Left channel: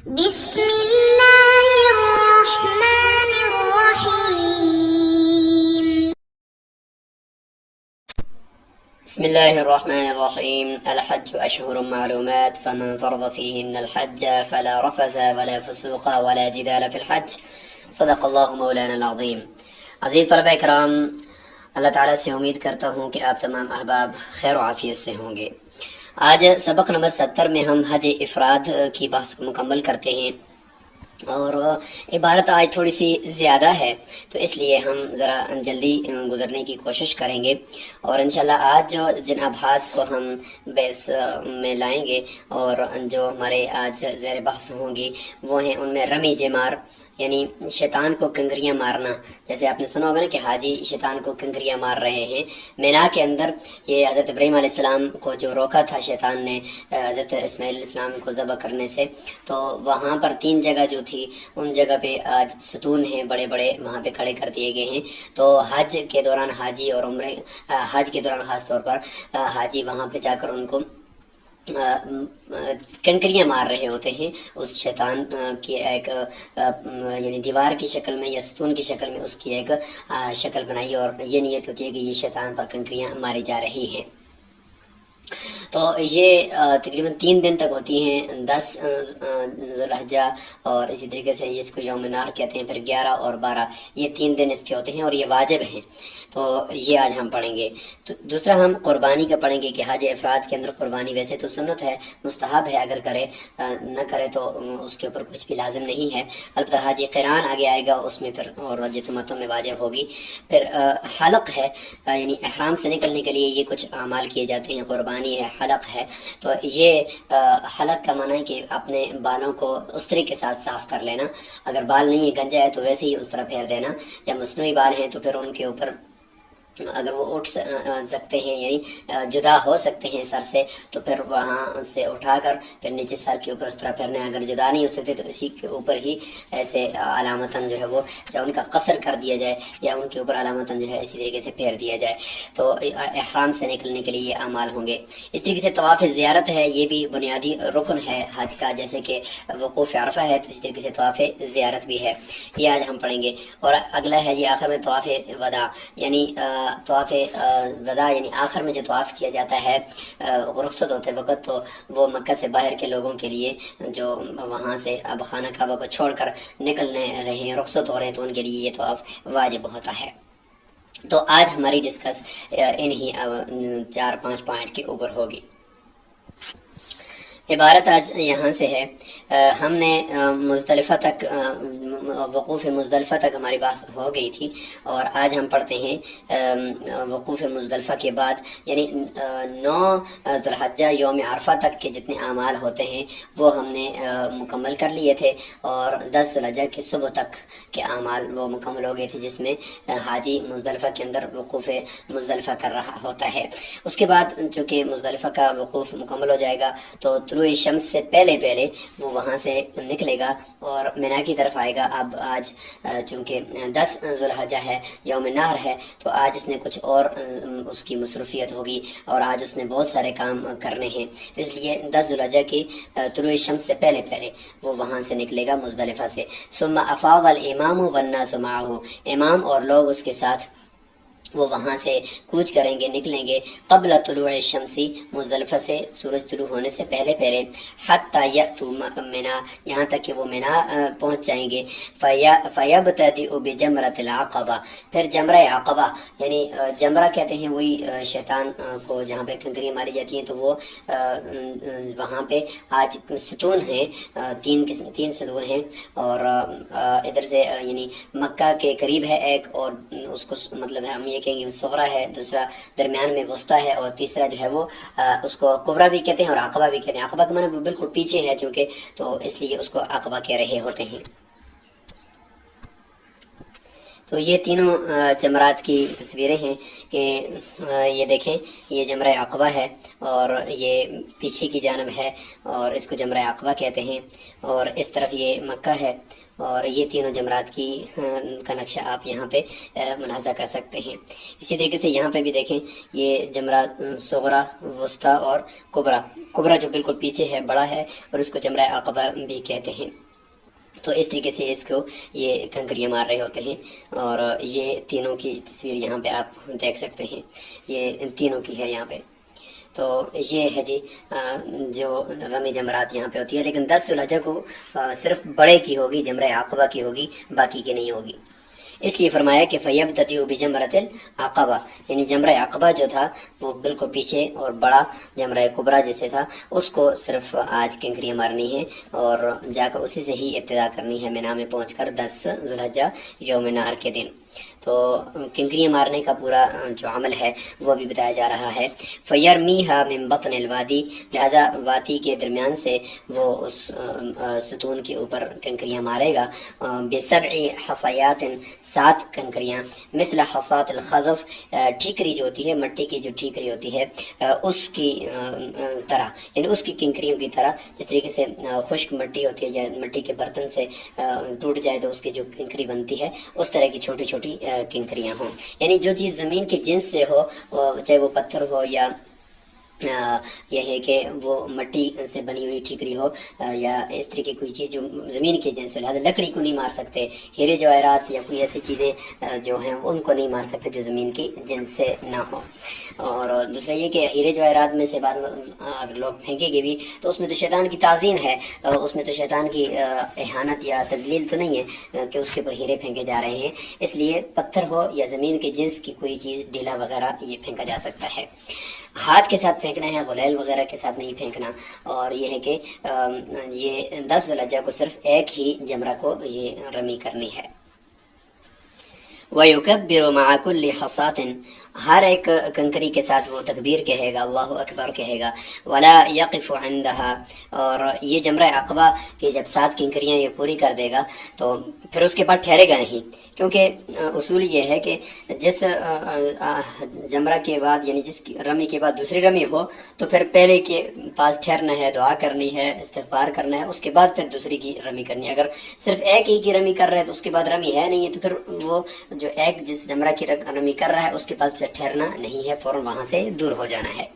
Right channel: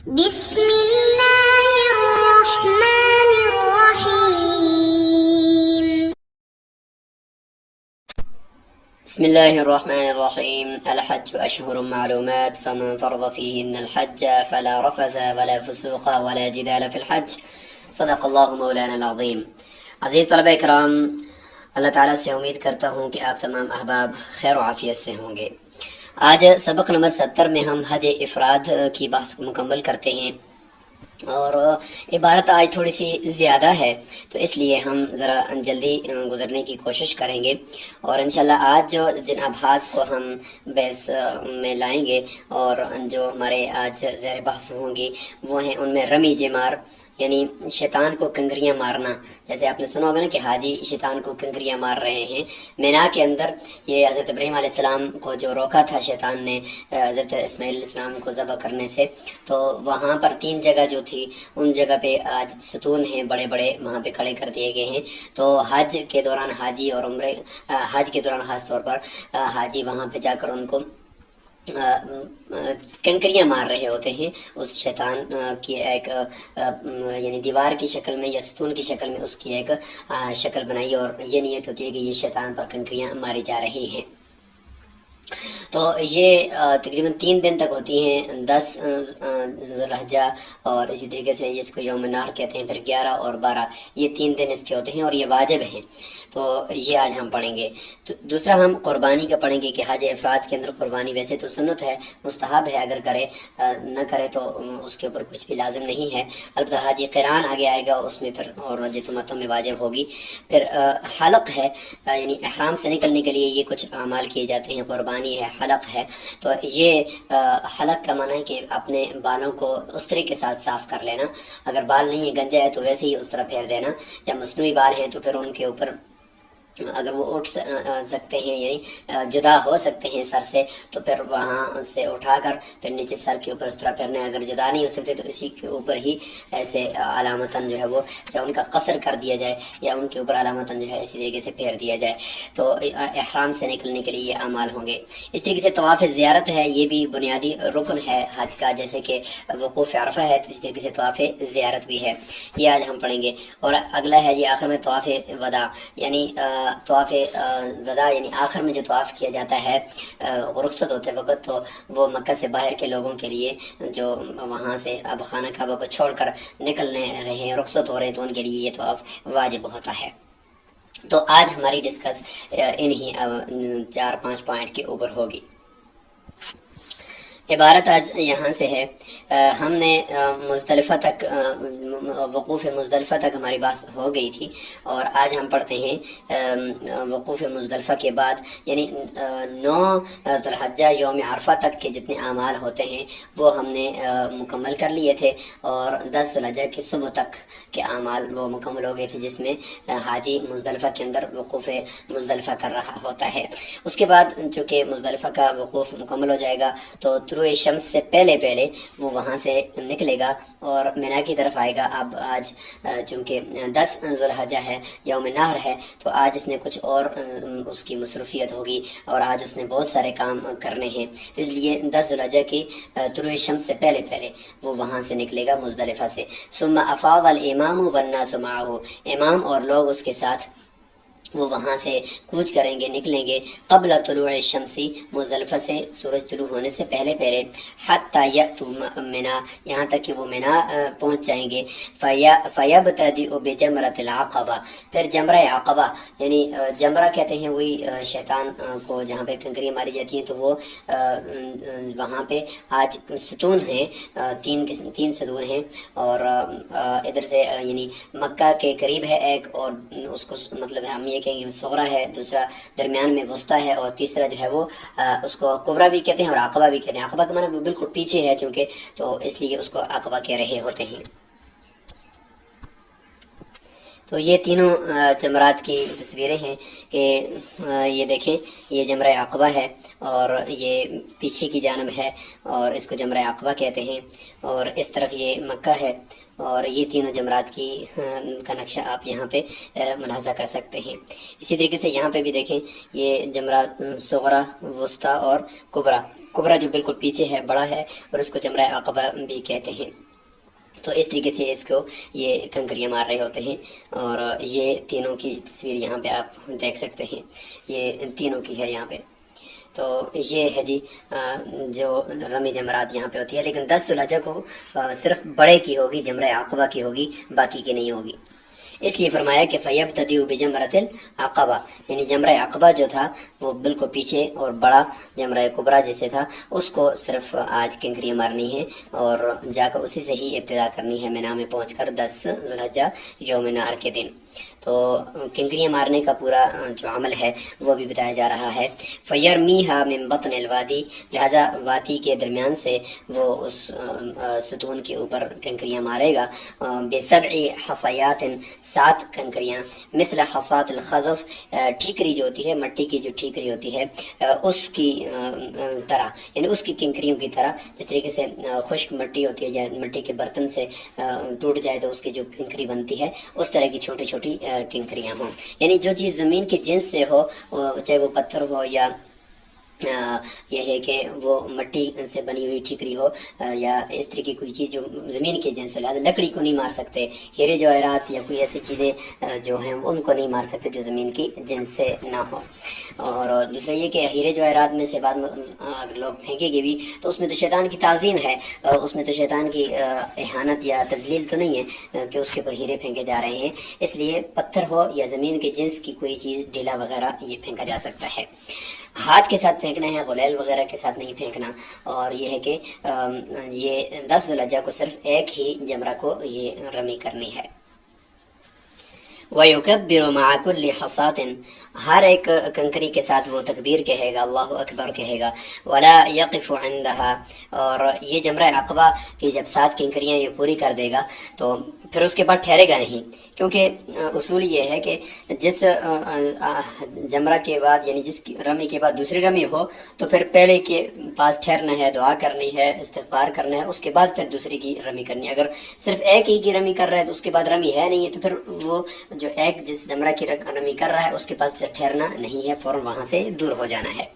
بسم الله الرحمن الرحيم. بسم الله الرحمن الرحيم. الحج أشهر معلومات فمن فرض فيهن الحج فلا رفث ولا فسوق ولا جدال في الحج. صدق اللہ مولانا العظیم. عزیز طلبہ کرام، اللہ تعالیٰ سے امید کرتا ہوں کہ آپ تمام احباب خیر و عافیت سے ہوں گے. آج سبق نمبر 70 میں ہم حج افراد کی بحث کو مکمل کرتے ہیں، اور عبارت آج تھوڑی سی زیادہ ہے تو اس لیے ہم ذرا جلدی گزرنے کی کوشش کریں گے. اور انشاءاللہ آج جو جن ابحاث کو ہم بحث میں لائیں گے اور جو ہمارے آج زیر بحث ہوں گی وہ ہیں ان میں رمی جمار، یعنی شیطان کو کنکریاں مارنا. جیسے آپ نے سنا ہوگا نا کہ حاجی شیطان کو کنکریاں مار رہے ہیں مینا کے اندر. یہ حضرت ابراہیم علیہ السلام کو جو روکا تھا شیطان نے حضرت اسماعیل علیہ السلام کو ذبح کرنے سے، تو وہاں پر 3 جگہ جو تھی ان جگہ پہ آج ستون ہیں بڑے بڑے، وہاں پہ کھڑے کر دیے گئے ہیں. تو حج کے دوران حاجی اور عمرے، حج کے دوران خاص طور پر حاجی وہاں پہ جا کر ان کو کنکریاں مار رہے ہوتے ہیں اس شیطان کی ایک یعنی دیوار کی شکل میں یا ستون کی شکل میں اس کی ایک شکل بنائی، اور یہ نیت ہوتی ہے کہ یہ شیطان پر کنکریاں ماری جا رہی ہیں. تو یہ تقریباً 3 دن تک ہوتی ہیں، 10 ذو الحجہ اور اسی طریقے سے جس کو یوم نحر کہتے ہیں، پھر 11 اور 12، یہ 3 دن اس کے ہوتے ہیں اور یہ واجب ہیں. تو یہ آج ہم پڑھیں گے. تو دوسرا ہم قربانی کا پڑھیں گے کہ حج افراد کے اندر قربانی ویسے تو سنت ہے، مستحب ہے، اگر کرے نہ کرے تو اس کے اوپر کچھ بھی لازم نہیں ہے. البتہ حج قران آگے آئے گا، اس میں پھر اور جتمتوں میں واجب ہوگی. پھر حلق ہے، یعنی احرام سے نکلنے کے لیے یہ کچھ اعمال کیے جاتے ہیں. قربانی ہے، حلق ہے. تو یہ حلق کا معنی ہے کہ اپنے بالوں کو استری کے ساتھ صاف کر لینا. اگر بال نہیں ہے، گنجا ہے، تو ویسے ہی استرا پھیر دینا. یا مصنوعی بال ہیں تو پھر ان کے اوپر اگر وہ اٹھ سکتے ہیں، یعنی جدا ہو سکتے ہیں سر سے، تو پھر وہاں سے اٹھا کر پھر نیچے سر کے اوپر استرا پھیرنا ہے. اگر جدا نہیں ہو سکتے تو اسی کے اوپر ہی ایسے علامتاً جو ہے وہ یا ان کا قصر کر دیا جائے یا ان کے اوپر علامتاً جو ہے اسی طریقے سے پھیر دیا جائے. تو احرام سے نکلنے کے لیے یہ اعمال ہوں گے. اس طریقے سے طواف زیارت ہے، یہ بھی بنیادی رکن ہے حج کا، جیسے کہ وقوف عرفہ ہے تو اسی طریقے سے طواف زیارت بھی ہے. یہ آج ہم پڑھیں گے. اور اگلا ہے جی آخر میں طواف وداع، یعنی طواف وداع، یعنی آخر میں جو طواف کیا جاتا ہے رخصت ہوتے وقت، تو وہ مکہ سے باہر کے لوگوں کے لیے جو وہاں سے اب خانہ کعبہ کو چھوڑ کر نکلنے رہے ہیں، رخصت ہو رہے ہیں، تو ان کے لیے یہ طواف واجب ہوتا ہے. تو آج ہماری ڈسکس انہی 4-5 پوائنٹ کے اوپر ہوگی. عبارت آج یہاں سے ہے، ہم نے مزدلفہ تک وقوف مزدلفہ تک ہماری بات ہو گئی تھی، اور آج ہم پڑھتے ہیں وقوف مزدلفہ کے بعد، یعنی 9 ذو الحجہ یوم عرفہ تک کے جتنے اعمال ہوتے ہیں وہ ہم نے مکمل کر لیے تھے، اور 10 ذو الحجہ کی صبح تک کے اعمال وہ مکمل ہو گئے تھے جس میں حاجی مزدلفہ کے اندر وقوف مزدلفہ کر رہا ہوتا ہے. اس کے بعد چونکہ مزدلفہ کا وقوف مکمل ہو جائے گا تو طلوع شمس سے پہلے وہ وہاں سے نکلے گا اور مینا کی طرف آئے گا. اب آج چونکہ 10 ذو الحجہ ہے، یوم نحر ہے، تو آج اس نے کچھ اور اس کی مصروفیت ہوگی اور آج اس نے بہت سارے کام کرنے ہیں. اس لیے 10 ذو الحجہ کی طلوع شمس سے پہلے وہ وہاں سے نکلے گا مزدلفہ سے. ثم افاض الامام والناس معه، امام اور لوگ اس کے ساتھ وہ وہاں سے کوچ کریں گے، نکلیں گے قبل طلوع الشمس، مزدلفہ سے سورج طلوع ہونے سے پہلے حتی یأتوا منا، یہاں تک کہ وہ منا پہنچ جائیں گے. فیبتدئ بجمرۃ العقبہ، پھر جمرہ عقبہ، یعنی جمرہ کہتے ہیں وہی شیطان کو جہاں پہ کنکریاں ماری جاتی ہیں، تو وہ وہاں پہ آج ستون ہیں، 3 ستون ہیں، اور ادھر سے یعنی مکہ کے قریب ہے ایک، اور اس کو مطلب ہم یہ کہیں گے صغرا ہے، دوسرا درمیان میں وسطیٰ ہے، اور تیسرا جو ہے وہ اس کو کبرا بھی کہتے ہیں اور عقبہ بھی کہتے ہیں. عقبہ کا معنی وہ بالکل پیچھے ہے چونکہ، تو اس لیے اس کو عقبہ کہہ رہے ہوتے ہیں. تو یہ تینوں جمرات کی تصویریں ہیں کہ یہ دیکھیں، یہ جمرہ عقبہ ہے اور یہ پیچھے کی جانب ہے اور اس کو جمرہ عقبہ کہتے ہیں، اور اس طرف یہ مکہ ہے، اور یہ تینوں جمرات کی کا نقشہ آپ یہاں پہ ملاحظہ کر سکتے ہیں۔ اسی طریقے سے یہاں پہ بھی دیکھیں، یہ جمرہ صغرا، وسطیٰ اور کبریٰ، کبریٰ جو بالکل پیچھے ہے، بڑا ہے، اور اس کو جمرہ عقبہ بھی کہتے ہیں۔ تو اس طریقے سے اس کو یہ کنکریاں مار رہے ہوتے ہیں، اور یہ تینوں کی تصویر یہاں پہ آپ دیکھ سکتے ہیں، یہ تینوں کی ہے یہاں پہ۔ تو یہ ہے جی جو رمی جمرات یہاں پہ ہوتی ہے، لیکن 10 ذو الحجہ کو صرف بڑے کی ہوگی، جمرہ عقبہ کی ہوگی، باقی کی نہیں ہوگی۔ اس لیے فرمایا کہ فَيَبْتَدِئُ بِجَمْرَةِ الْعَقَبَةِ، یعنی جمرہ عقبہ جو تھا وہ بالکل پیچھے اور بڑا جمرہ کبریٰ جیسے تھا، اس کو صرف آج کنکریاں مارنی ہے اور جا کر اسی سے ہی ابتدا کرنی ہے مینا میں پہنچ کر 10 ذو الحجہ یوم نحر کے دن۔ تو کنکریاں مارنے کا پورا جو عمل ہے وہ بھی بتایا جا رہا ہے۔ فَيَرْمِيهَا مِن بَطْنِ الْوَادِي، لہذا وادی کے درمیان سے وہ اس ستون کے اوپر کنکریاں مارے گا، بِسَبْعِ حَصَيَاتٍ، 7 کنکریاں، مثل حصات الخزف، ٹھیکری جو ہوتی ہے، مٹی کی جو ٹھیکری ہوتی ہے اس کی طرح، یعنی اس کی کنکریوں کی طرح، جس طریقے سے خشک مٹی ہوتی ہے یا مٹی کے برتن سے ٹوٹ جائے تو اس کی جو کنکری بنتی ہے، اس طرح کی چھوٹی چھوٹی کنکریاں ہوں، یعنی جو چیز زمین کے جنس سے ہو، چاہے وہ پتھر ہو یا یہ ہے کہ وہ مٹی سے بنی ہوئی ٹھیکری ہو یا اس طرح کی کوئی چیز جو زمین کے جنس سے، لہٰذا لکڑی کو نہیں مار سکتے، ہیرے جواہرات یا کوئی ایسی چیزیں جو ہیں ان کو نہیں مار سکتے جو زمین کی جنس سے نہ ہو۔ اور دوسرا یہ کہ ہیرے جواہرات میں سے بعض اگر لوگ پھینکیں گے بھی تو اس میں تو شیطان کی تعظیم ہے، اس میں تو شیطان کی اہانت یا تذلیل تو نہیں ہے کہ اس کے اوپر ہیرے پھینکے جا رہے ہیں، اس لیے پتھر ہو یا زمین کے جنس کی کوئی چیز، ڈیلا وغیرہ، یہ پھینکا جا سکتا ہے۔ ہاتھ کے ساتھ پھینکنا ہے، غلیل وغیرہ کے ساتھ نہیں پھینکنا، اور یہ ہے کہ یہ 10 ذو الحجہ کو صرف ایک ہی جمرہ کو یہ رمی کرنی ہے۔ وَيُكَبِّرُ مَعَ كُلِّ حَصَاةٍ، ہر ایک کنکری کے ساتھ وہ تکبیر کہے گا، اللہ اکبر کہے گا، وَلَا يَقِفُ عِنْدَهَا، اور یہ جمرہ عقبہ کی جب 7 کنکریاں یہ پوری کر دے گا تو پھر اس کے بعد ٹھہرے گا نہیں، کیونکہ اصول یہ ہے کہ جس جمرہ کے بعد، یعنی جس رمی کے بعد دوسری رمی ہو تو پھر پہلے کے پاس ٹھہرنا ہے، دعا کرنی ہے، استغفار کرنا ہے، اس کے بعد پھر دوسری کی رمی کرنی ہے۔ اگر صرف ایک ہی کی رمی کر رہا ہے تو اس کے بعد رمی ہے نہیں ہے تو پھر وہ جو ایک جس جمرہ کی رمی کر رہا ہے اس کے پاس ٹھہرنا نہیں ہے، فوراً وہاں سے دور ہو جانا ہے۔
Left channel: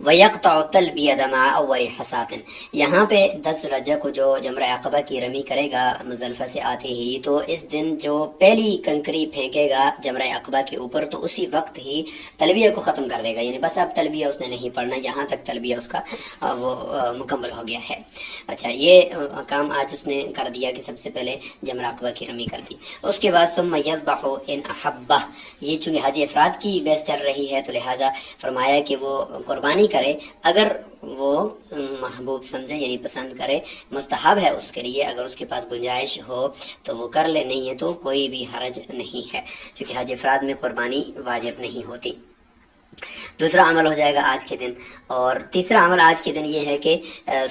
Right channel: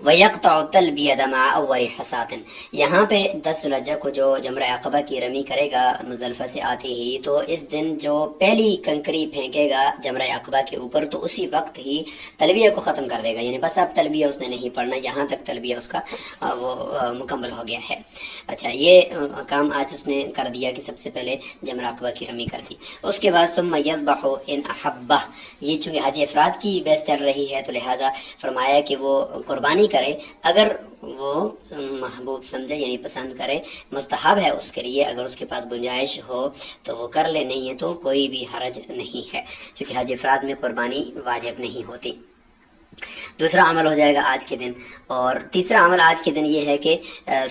وَيَقْطَعُ التَّلْبِيَةَ مَعَ أَوَّلِ حَصَاةٍ، یہاں پہ 10 ذو الحجہ کو جو جمرہ عقبہ کی رمی کرے گا مزدلفہ سے آتے ہی، تو اس دن جو پہلی کنکری پھینکے گا جمرہ عقبہ کے اوپر تو اسی وقت ہی تلبیہ کو ختم کر دے گا، یعنی بس اب تلبیہ اس نے نہیں پڑھنا، یہاں تک تلبیہ اس کا وہ مکمل ہو گیا ہے۔ اچھا، یہ کام آج اس نے کر دیا کہ سب سے پہلے جمرہ عقبہ کی رمی کر دی۔ اس کے بعد ثم یذبح ان احبہ، یہ چونکہ حج افراد کی بحث چل رہی ہے تو لہٰذا فرمایا کہ وہ قربانی کرے اگر وہ محبوب سمجھے، یعنی پسند کرے، مستحب ہے اس کے لیے، اگر اس کے پاس گنجائش ہو تو وہ کر لے، نہیں ہے تو کوئی بھی حرج نہیں ہے، کیونکہ حج افراد میں قربانی واجب نہیں ہوتی۔ دوسرا عمل ہو جائے گا آج کے دن، اور تیسرا عمل آج کے دن یہ ہے کہ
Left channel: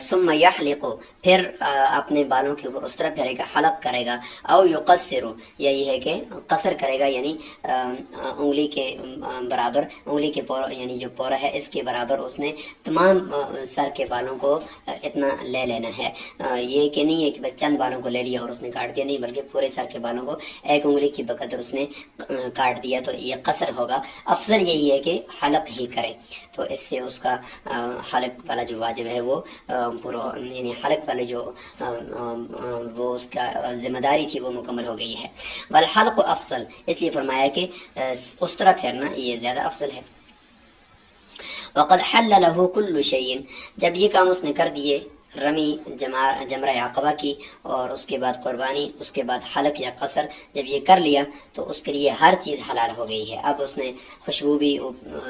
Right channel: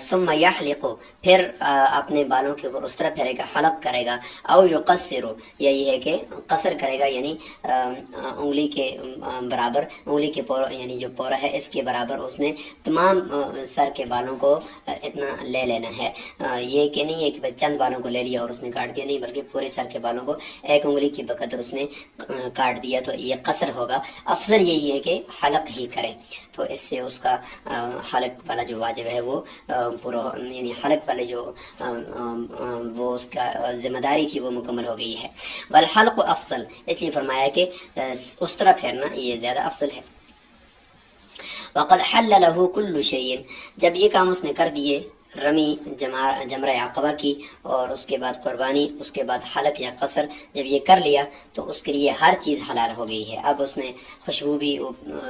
ثم یحلق، پھر اپنے بالوں کے اوپر اس طرح پھیرے گا، حلق کرے گا، او یقصر، یا یہ ہے کہ قصر کرے گا، یعنی انگلی کے برابر، انگلی کے یعنی جو پورا ہے اس کے برابر اس نے تمام سر کے بالوں کو اتنا لے لینا ہے، یہ کہ نہیں ہے کہ بس چند بالوں کو لے لیا اور اس نے کاٹ دیا، نہیں، بلکہ پورے سر کے بالوں کو ایک انگلی کی بقدر اس نے کاٹ دیا، تو یہ قصر ہوگا۔ افضل یہی ہے کہ حلق ہی کرے، تو اس سے اس کا حلق والا جو واجب ہے وہ پورا، یعنی حلق والے جو وہ اس کا ذمہ داری تھی وہ مکمل ہو گئی ہے۔ والحلق افضل، اس لیے فرمایا کہ اس طرح پھیرنا یہ زیادہ افضل ہے۔ وقد حل له كل شيء، جب یہ کام اس نے کر دیے، رمی جمرہ عقبہ کی اور اس کے بعد قربانی، اس کے بعد حلق یا قصر، جب یہ کر لیا تو اس کے لیے ہر چیز حلال ہو گئی ہے۔ اب اس نے خوشبو بھی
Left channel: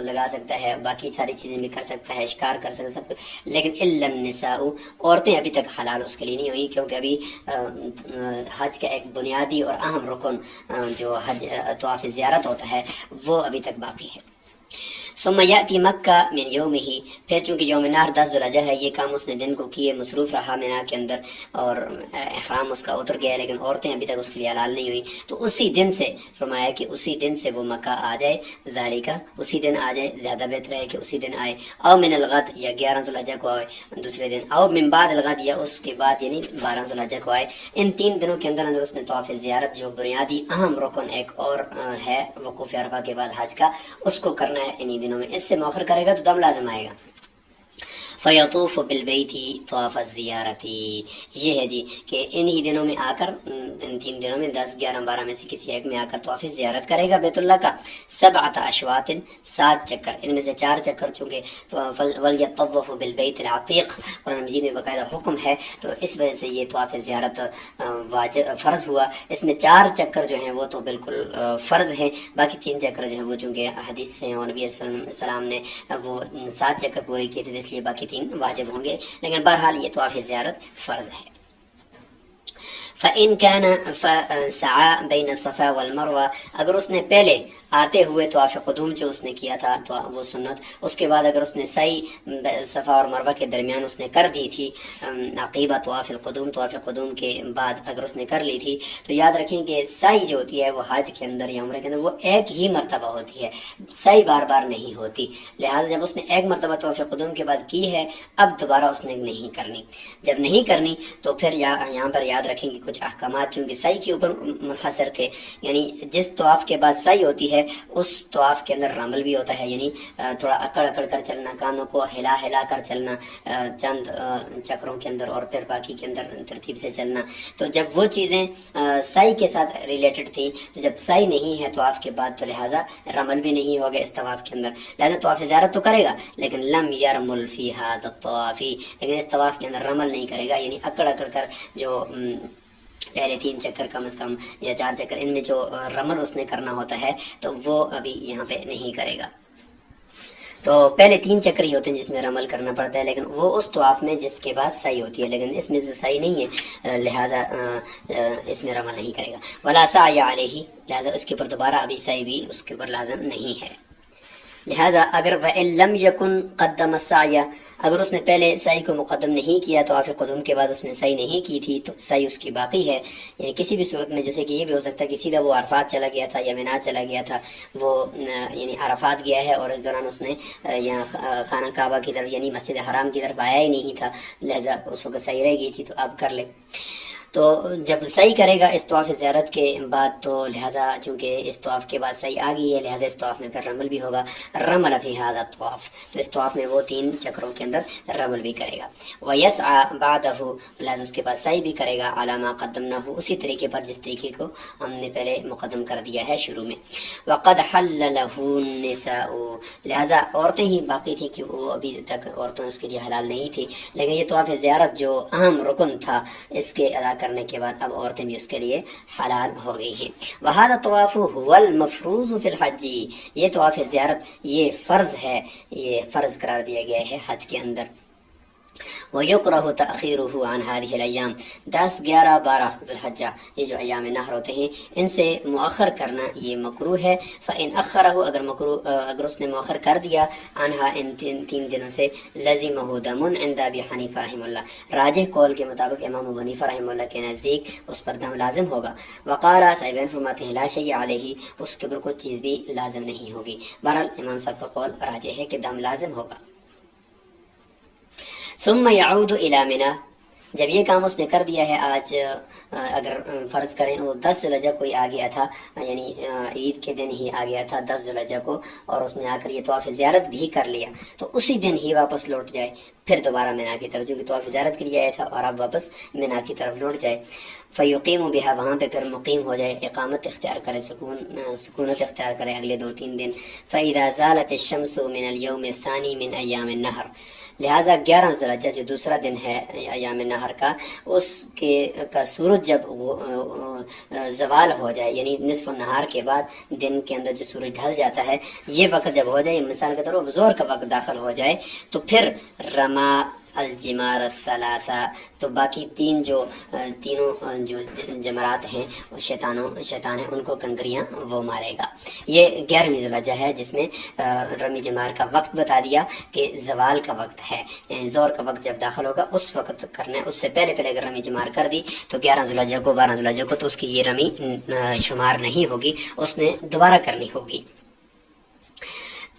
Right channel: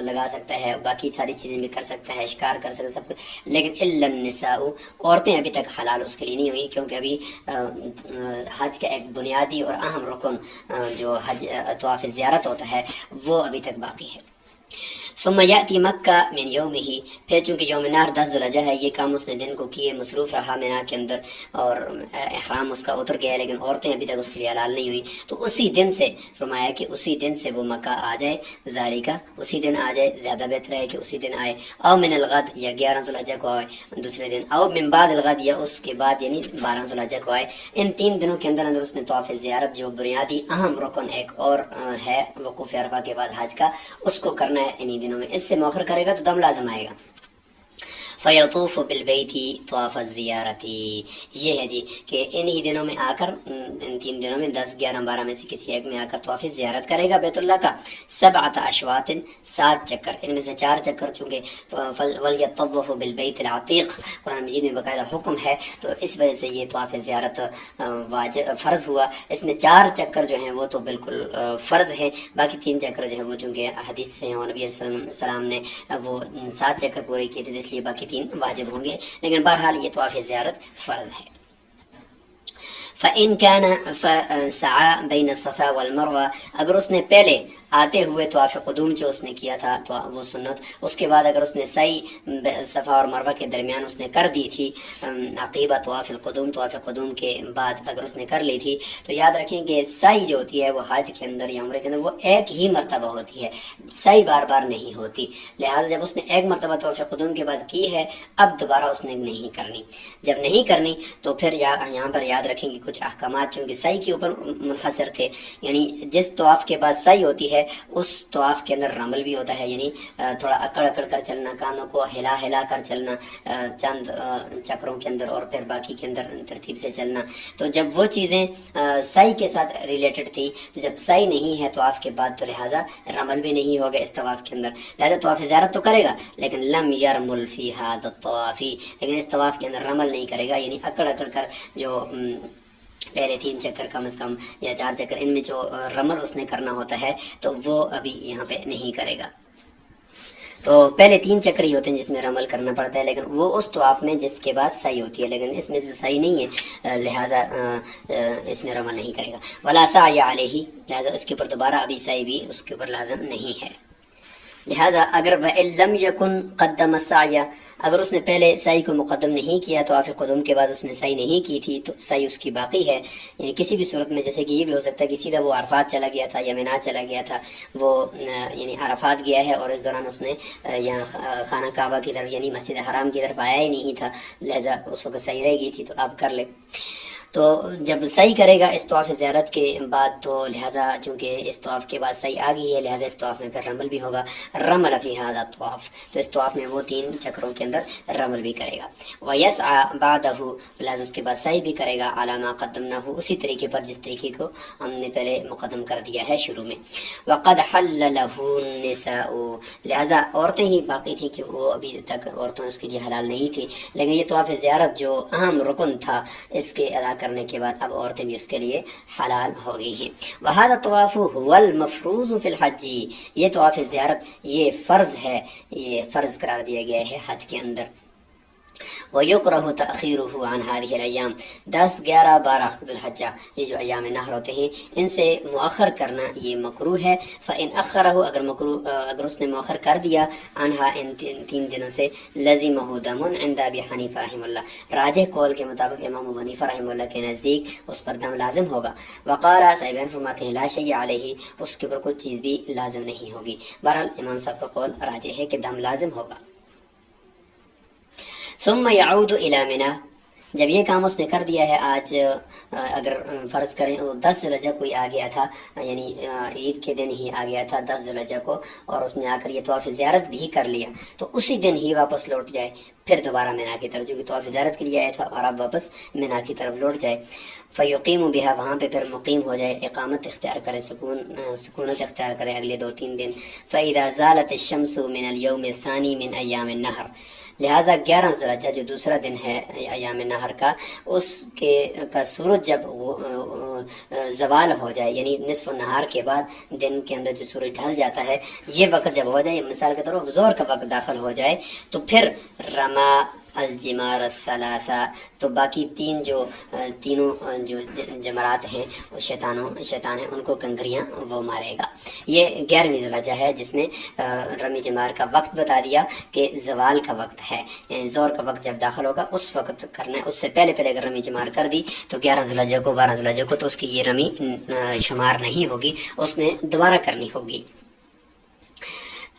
لگا سکتا ہے، باقی ساری چیزیں بھی کر سکتا ہے، شکار کر سکتا ہے، سب کچھ، لیکن الا النساء، عورتیں ابھی تک حلال اس کے لیے نہیں ہوئی، کیونکہ ابھی حج کا ایک بنیادی اور اہم رکن جو حج طواف زیارت ہوتا ہے وہ ابھی تک باقی ہے۔ ثم یاتی مکہ من یومہ، پھر چونکہ یوم نحر 10 ذوالحجہ ہے، یہ کام اس نے دن کو کیے، مصروف رہا مینا کے اندر، اور احرام اس کا اتر گیا لیکن عورتیں ابھی تک اس کے لیے حلال نہیں ہوئی، تو اسی دن سے فرمایا کہ اسی دن سے وہ مکہ آ جائے، ذالکہ اسی دن آ جائے، زیادہ بہتر ہے کہ اسی دن آئے، او من الغد یا 11 ذوالحجہ کو آئے دوسرے دن، او من بعد الغد یا اس کے بعد یعنی 12 ذوالحجہ کو آئے۔ ان 3 دنوں کے اندر اندر اس نے طواف زیارت جو بنیادی اہم رکن ایک اور ہے وقوف عرفہ کے بعد حج کا، اس کو کرنا ہے انہی دنوں میں۔ اس سے مؤخر کرے گا تو دم لازم آئے گا۔ فیطوف بالبیت طواف الزیارتی، یہ ہے جی کہ انہی دنوں میں آ کر، ان 3 دنوں میں 10 11 12 میں سے کسی ایک میں آ کر طواف زیارت کرے گا بیت اللہ کا، 7 اشواط 7 چکر، ان میں سے 4 چکر چونکہ ولیطوف بالبیت العتیق قرآن مجید میں باقاعدہ حکم ہے، تو اس وجہ سے یہ طواف زیارت واجب فرض ہوا۔ اس میں 4 چکر جو ہیں وہ تو بالکل فرض ہیں، باقی 3 چکر جو ہیں وہ چونکہ حدیث سے اور نبی علیہ السلام نے وہ 7 چکر پورے کیے تھے، اس لیے باقی 3 واجب ہوں گے، لیکن بہرحال یہ طواف زیارت فرض ہے۔ فَإِن كَانَ فَسَعَى بَيْنَ الصَّفَا وَالْمَرْوَةِ، اگر اس نے پہلے آتے ہوئے طواف قدوم جو اس نے کیا تھا تو وہ سنت، اس کے بعد اگر اس نے سعی صفا اور مروہ کے درمیان اس نے کر دی تھی، عقیبہ طواف القدوم، طواف قدوم کے بعد اگر اس نے کر لی تھی، تو یاد رکھیں کہ سعی جو ہوتی ہے وہ حج کے اندر یا عمرے کے اندر وہ ایک ہی مرتبہ ہوتی ہے، سعی بار بار نہیں ہوتی، لہٰذا جب اس نے ایک مرتبہ طواف قدوم کے بعد کی ہے، اب دوبارہ اس نے نہیں کرنی۔ جب نہیں کرنی تو پھر یہاں پر یاد رکھیں کہ کچھ احکامات چونکہ سعی کے اوپر منحصر تھے، یعنی جس طواف کے بعد سعی ہوتی ہے اس طواف کے اندر رمل بھی ہوتا ہے، یعنی تھوڑا اکڑ اکڑ کر چلنا، کانوں کو ہلا ہلا کر چلنا چند چکروں کے اندر، اور پھر باقی کے اندر ترتیب سے چلنا۔ تو جب وہ چیزیں سعی کے ساتھ ریلیٹڈ تھی، تو جب سعی نہیں ہے طواف کے بعد تو لہٰذا رمل بھی نہیں ہوگا اس طواف کے اندر، لہٰذا طواف زیارت تو کرے گا لیکن لم یرمل فی ھذا الطواف، لیکن اس طواف کے اندر رمل نہیں کرے گا، یعنی اکڑ اکڑ کر جو پہلے 3 چکر کم از کم یا 4 چکر ان میں جو رمل اس نے کرنا ہوتا ہے تو وہ ابھی یہاں پہ نہیں کرے گا۔ تو پہلے 3 چکر ہی ہوتے ہیں جس میں رمل کرنا پڑتا ہے، لیکن وہ اس طواف میں جس کے بعد سعی ہوتی ہے، لیکن اس میں سے سعی نہیں ہے لہٰذا اس میں رمل نہیں کرے گا۔ ولا سعی علیہ، لہٰذا اس کے اوپر دوبارہ ابھی سعی بھی اس کے اوپر لازم نہیں ہے۔ لہٰذا اگر وَإِن لَمْ يَكُنْ قَدَّمَ السَّعْيَ، اگر اس نے پہلے سعی کو مقدم نہیں کیا، طواف قدوم کے بعد اس نے سعی نہیں کی تھی تو سعی اس کی باقی ہے، یعنی کسی بھی صورت میں، جیسے کہ یہ بھی ہو سکتا ہے کہ سیدھا وہ عرفات چلا گیا تھا یا مینا چلا گیا تھا، وہ یعنی عرفات گیا ہے اور اس دوران اس نے یہاں خانہ کعبہ کی طرف یعنی مسجد حرام کی طرف آیا ہی نہیں تھا، لہٰذا اس وقت سعی رہ گئی تھی تو اب کر لے۔ تو جب سعی کرے گا اس طواف زیارت کے بعد تو لہٰذا چونکہ اس طواف کے بعد سعی آ گئی ہے، لہٰذا اس طواف میں پھر رمل بھی ہوگا، رمل فی ھذا الطواف، تو اس طواف میں وہ 3 چکروں کے اندر رمل بھی کرے گا۔ وَيَسْعَى بَعْدَهُ، لہٰذا اس کے بعد سعی بھی کرے گا، عَلَى مَا قَدَّمْنَاهُ، اسی طریقے پر جس طریقے کو ہم نے پہلے مقدم کر دیا ہے شروع میں۔ وَقَدْ حَلَّ لَهُ النِّسَاءُ، لہٰذا عورتیں ہی باقی تھیں کہ وہ ابھی تک عورتوں اس کے لیے حلال نہیں تھی، لیکن یہ طواف زیارت جو اہم رکن تھا اس کے ادا کرنے کے بعد اب عورتیں بھی اس کے لیے حلال ہو گئی ہیں۔ وَهَذَا الطَّوَافُ هُوَ الْمَفْرُوضُ فِي الْحَجِّ، یہ طواف زیارت یہ فرض ہے، یہ فرض قرار دیا گیا ہے حج کے اندر۔ وَيُكْرَهُ تَأْخِيرُهُ عَنْ هَذِهِ الْأَيَّامِ، 10 11 12 ذو الحجہ یہ جو ایام نحر ہوتے ہیں ان سے مؤخر کرنا یہ مکروہ ہے۔ فَإِنْ أَخَّرَهُ، اگر اس نے مؤخر کر دیا عنها ان 3 دنوں سے، لَزِمَهُ دَمٌ عند ابی حنیفہ رحمہ اللہ، راجح قول کے مطابق امام ابو حنیفہ رحمہ اللہ کے نزدیک اس پر دم لازم ہوگا۔ وقال صاحبین فرماتے ہیں لا شیء علیہ، اس کے اوپر کچھ چیز بھی لازم نہیں ہوگی۔ بہرحال امام صاحب کا قول راجح ہے کہ دم لازم ہوگا۔ ثم يعود الى منى، جب یہ کام اس نے کر دیا ہے، آج اگر فرض کریں وہ 10 ذوالحجہ کو ہی آ گیا تھا، یعنی عید کے دن ہی آ گیا تھا 10 ذوالحجہ کو، اور اس نے آ کر یہ طواف زیارت بھی کر لیا، تو اسی دن ہی واپس لوٹ جائے، پھر دوبارہ مینا کی طرف، جو کہ طواف زیارت کے لیے آیا تھا، اور اب واپس مینا کی طرف لوٹ جائے۔ فیقیم بها، وہاں پہ پھر مقیم ہو جائے، اقامت اختیار کرے، سکونت اختیار کرے اگلے 2-3 دن۔ فاذا زالت الشمس من اليوم الثاني من ایام النحر، لہٰذا 11 ذوالحجہ جو دوسرا دن ہے ایام نحر کا، اس کا سورج جب زوال ہو جائے، یعنی نصف النہار کے بعد دن کے اندر جو سورج ڈھل جاتا ہے، یہ وقت جب ہو جائے، مثال کے طور پر زور کا وقت داخل ہو جائے، تو پھر رما الجمار الثلاثہ، تو باقی تینوں جو جمرات ہیں شیطان ہیں ان کو کنکریاں وہ مارے گا۔ یہ 11ویں ذو الحجہ ہے جس میں رمی جمار کا وقت بتا دیا کہ زوال کا وقت ہے، زور کا وقت جب داخل ہوگا اس وقت کرنا ہے، اس سے پہلے اگر رمی جمار کر دی تو 11 ذو الحجہ کو 12 ذو الحجہ کو تو اس کی یہ رمی شمار نہیں ہوگی، اس نے دوبارہ کرنی ہوگی۔